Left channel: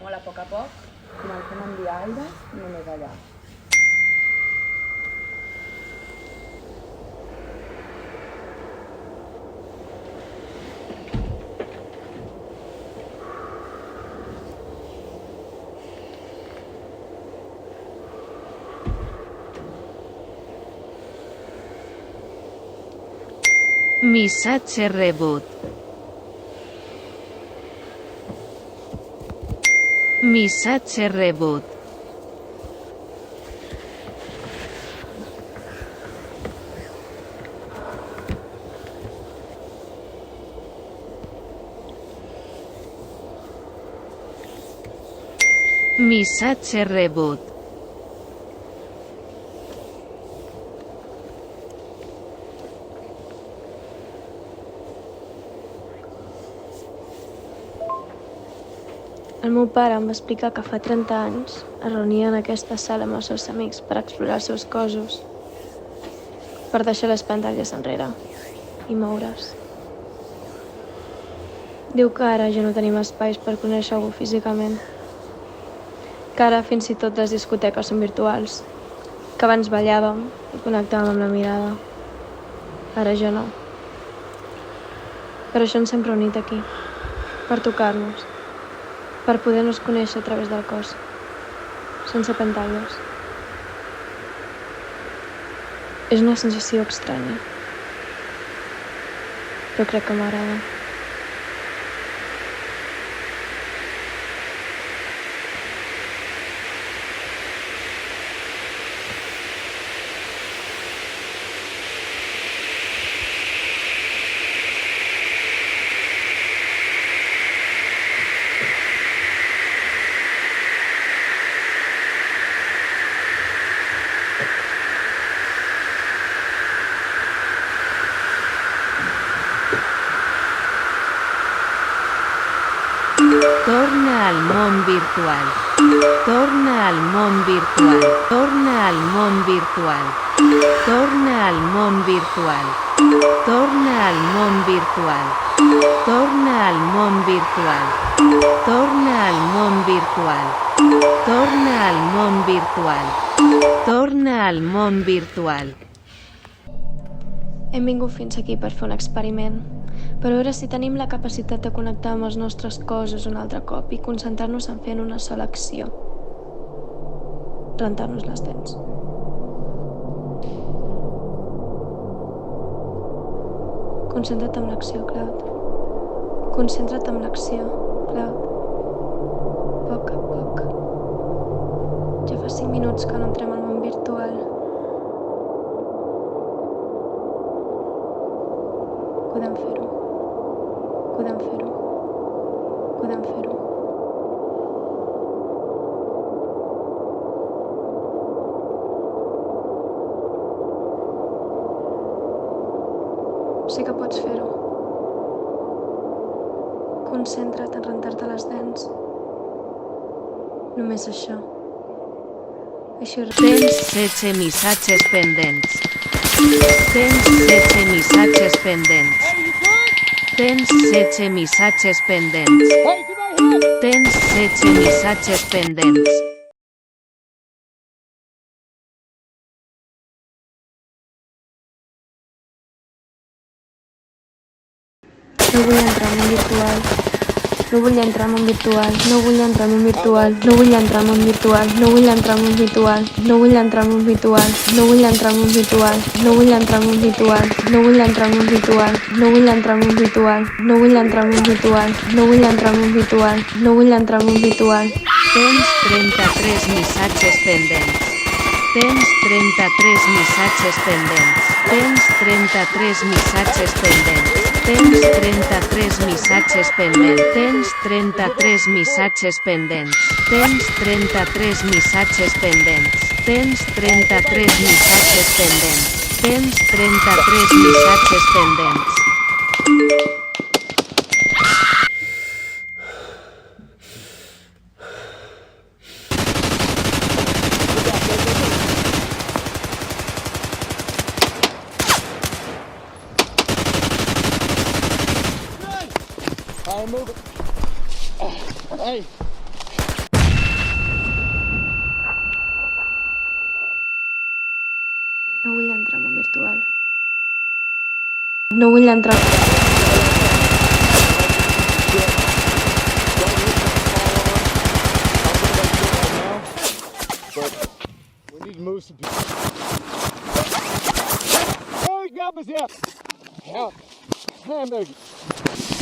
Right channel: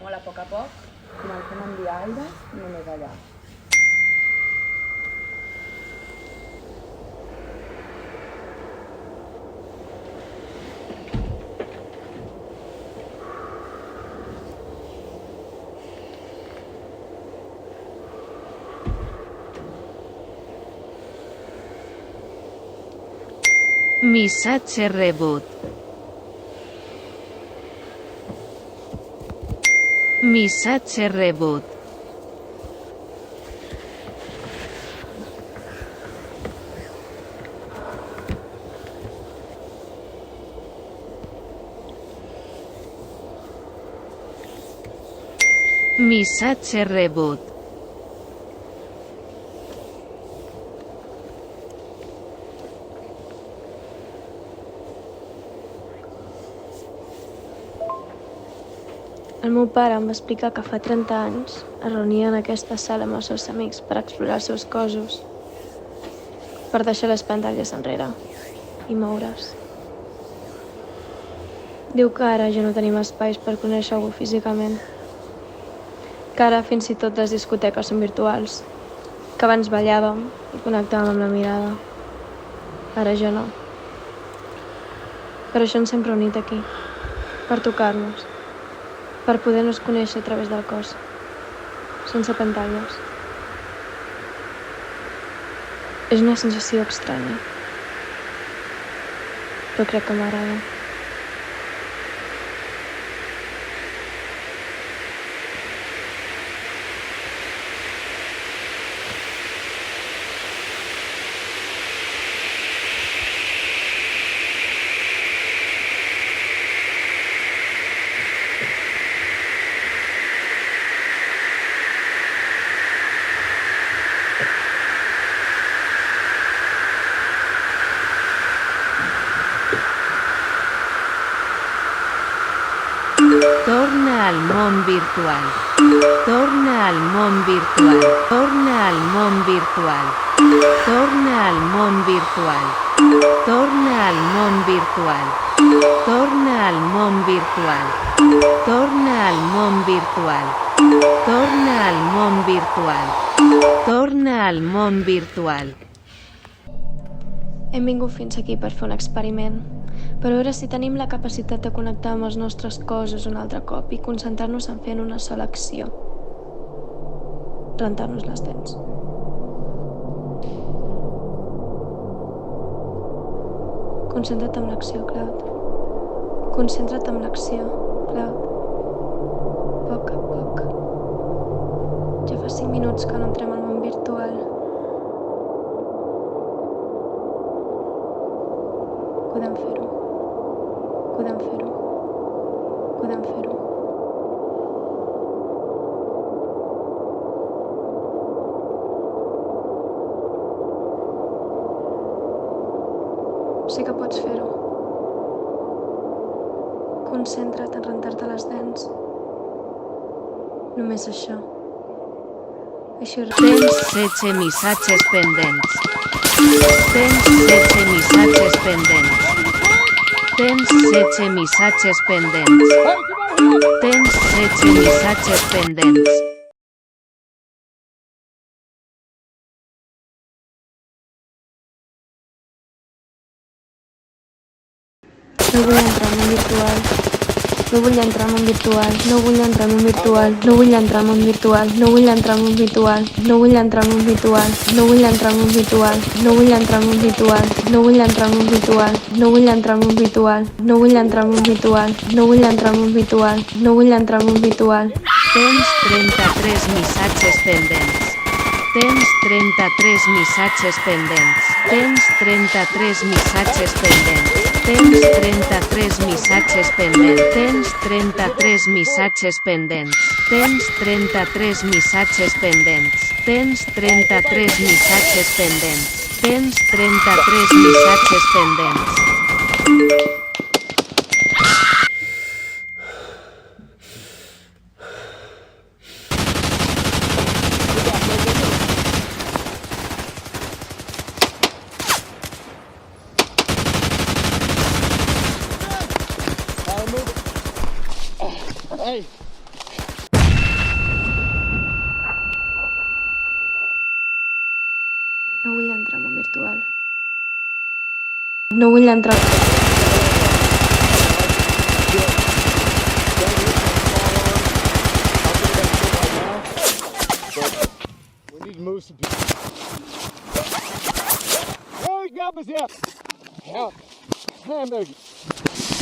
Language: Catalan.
molt a poc, comencem a enviar aire només allà. Missatge rebut. Missatge rebut. Missatge rebut. El meu pare em va explicar que fa 30 anys es reunia en aquesta sala amb els seus amics per explorar els seus cossos, per deixar les pantalles enrere i moure's. Diu que ara ja no tenim espais per conèixer algú físicament, que ara fins i tot les discoteques són virtuals, que abans ballàvem i connectàvem amb la mirada. Ara ja no. Per això ens hem reunit aquí, per tocar-nos, per poder-nos conèixer a través del cos, sense pantalles. És una sensació estranya, però crec que m'agrada. Torna al món virtual. Torna al món virtual. Torna al món virtual. Torna al món virtual. Torna al món virtual. Torna al món virtual. Torna al món virtual. Torna al món virtual. Torna al món virtual. Hem vingut fins aquí per fer un experiment, per veure si tenim la capacitat de connectar amb els nostres cossos un altre cop i concentrar-nos en fer una sola acció. Rentar-nos les dents. Concentra't en l'acció, Cloud. Concentra't en l'acció, Cloud. Poc a poc. Ja fa 5 minuts que no entrem al món virtual. Podem fer-ho. Podem fer-ho. Podem fer-ho. Sí que pots fer-ho. Concentra't en rentar-te les dents. Només això. Així Tens 16 missatges pendents. Tens 16 missatges pendents. Tens 16 missatges pendents. Tens 16 missatges pendents. No vull entrar en un virtual. No vull entrar en un virtual. No vull entrar en un virtual. No vull entrar en un virtual. No vull entrar en un virtual. No vull entrar en un virtual. No vull entrar en un virtual. No vull entrar en un virtual. No vull entrar en un virtual. No vull entrar en un virtual. No vull entrar en un virtual. No vull entrar en un virtual. No vull entrar en un virtual. Tens 33 missatges pendents. Tens 33 missatges pendents. Tens 33 missatges pendents. Tens 33 missatges pendents. Tens 33 missatges pendents. Tens 33 missatges pendents. Tens 33 missatges pendents. Tens 33 missatges pendents. Hey. No vull entrar. We need to move some people. Oh, he got us here. Help. Hamburger.